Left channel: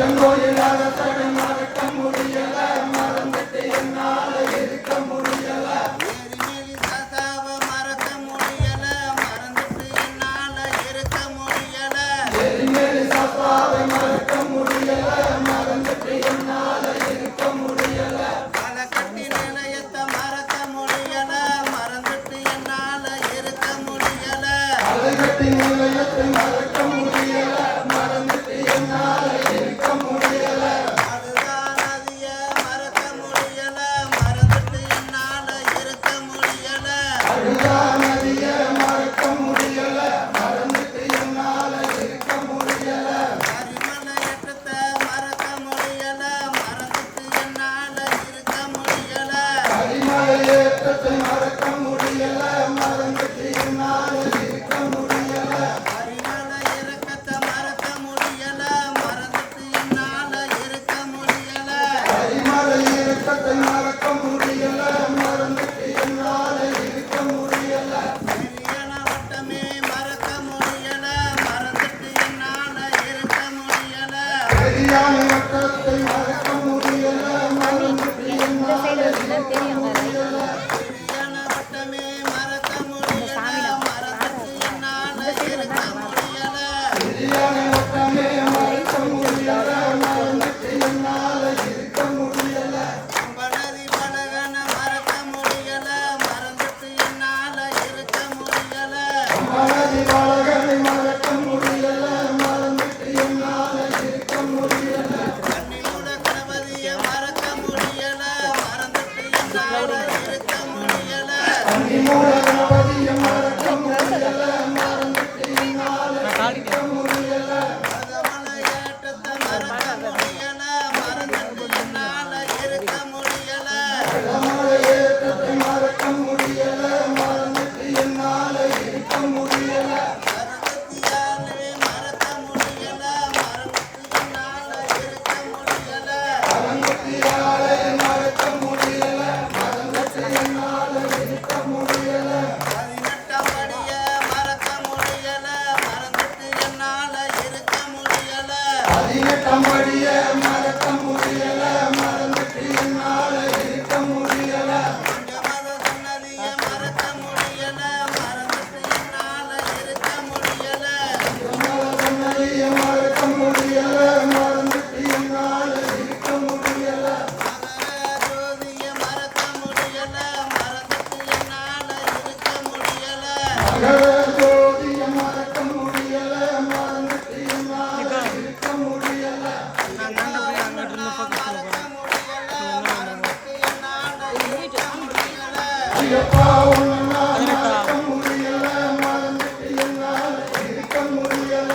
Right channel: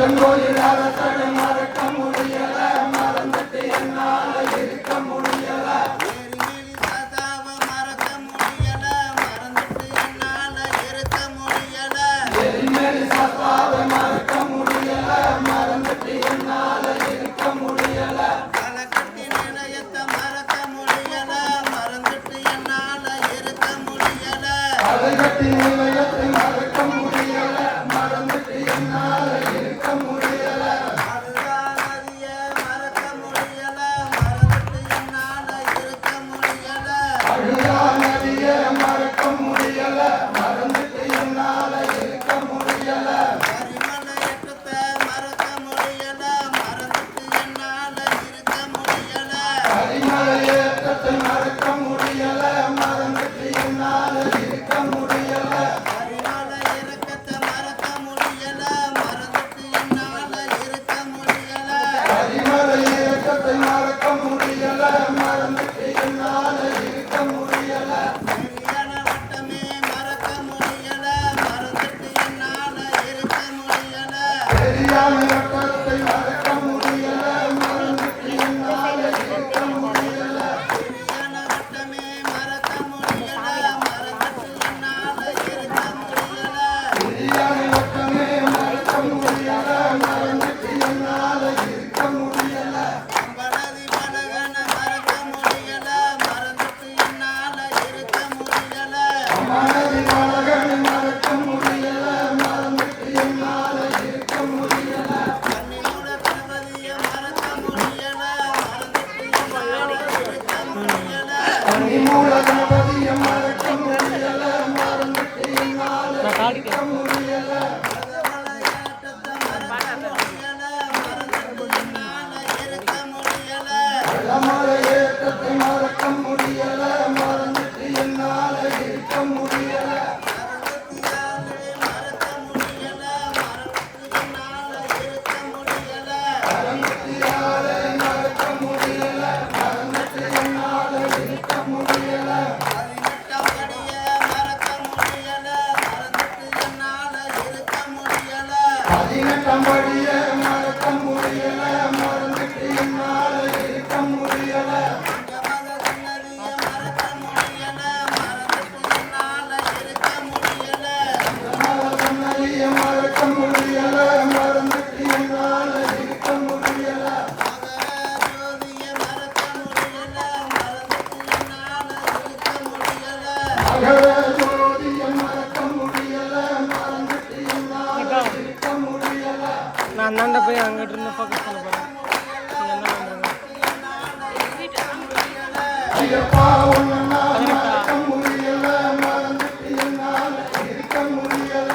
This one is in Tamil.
அச்சங்கோயில் அரசனை மறக்க முடியல, மறந்துட்டு என்னால இருக்க முடியல. எரிமேலி தாத்தாவை மறக்க முடியல, மறந்துட்டு என்னால இருக்க முடியல. எரிமேலி தாத்தாவை மறக்க முடியல, மறந்துட்டு என்னால இருக்க முடியல. களக்கட்டி நிலையத்தை மறக்க முடியல, மறந்துட்டு என்னால இருக்க முடியல. களக்கட்டி நிலையத்தை மறக்க முடியல, மறந்துட்டு என்னால இருக்க முடியல. அதுதான் நதிய மறக்க முடியல, மறந்துட்டு என்னால இருக்க முடியல. அழுதா நதிய மறக்க முடியல, மறந்துட்டு என்னால இருக்க முடியல. கரிமலை ஏற்றத்தை மறக்க முடியல, மறந்துட்டு என்னால இருக்க முடியல. கரிமலை ஏற்றத்தை மறக்க முடியல, மறந்துட்டு என்னால இருக்க முடியல. கரிமலை இறக்கத்தை மறக்க முடியல, மறந்துட்டு என்னால இருக்க முடியல. கரிமலை ஏற்றத்தை மறக்க முடியல, மறந்துட்டு என்னால இருக்க முடியல. நெறியான வட்டமே மறக்க முடியல, மறந்துட்டு என்னால இருக்க முடியல. பெரியான வட்டத்தை மறக்க முடியல, மறந்துட்டு என்னால இருக்க முடியல. நெறியான வட்டமே மறக்க முடியல, மறந்துட்டு என்னால இருக்க முடியல. பெரியான வட்டமே மறக்க முடியல, மறந்துட்டு என்னால இருக்க முடியல. படதி படகன மறக்க முடியல, மறந்துட்டு என்னால இருக்க முடியல. மனதி வளகனை மறக்க முடியல, மறந்துட்டு என்னால இருக்க முடியல. கன்னிமூல கணபதிய மறக்க முடியல, மறந்துட்டு என்னால இருக்க முடியல. கன்னிமூல கணபதியை மறக்க முடியல, மறந்துட்டு என்னால இருக்க முடியல. பதமலை ஏற்றத்தை மறக்க முடியல, மறந்துட்டு என்னால இருக்க முடியல. இடமலை ஏற்றத்தை மறக்க முடியல, மறந்துட்டு என்னால இருக்க முடியல. அறுபத்தியாலே மறக்க முடியல, மறந்துட்டு என்னால இருக்க முடியல. அறுபத்தியாலை மறக்க முடியல, மறந்துட்டு என்னால இருக்க முடியல. 18ஆம் படிய மறக்க முடியல, மறந்துட்டு என்னால இருக்க முடியல. 18ஆம் படியை மறக்க முடியல, மறந்துட்டு என்னால இருக்க முடியல. பஞ்சமத சன்னதிய மறக்க முடியல, மறந்துட்டு என்னால இருக்க முடியல. சொன்னதையை மறக்க முடியல, மறந்துட்டு என்னால இருக்க முடியல. மகர ஜோதிய மறக்க முடியல, மறந்துட்டு என்னால இருக்க முடியல. மகர ஜோதியை மறக்க முடியல, மறந்துட்டு என்னால இருக்க முடியல. நான் தாண்ட போய் அங்கிட்டு இருந்து ஃபோக்கஸ் பண்ண போறேன். நீ என்ன பண்றீங்க? ஐயப்பா உன்னை நான் மறக்க முடியல, மறந்துட்டு என்னால இருக்க முடியல.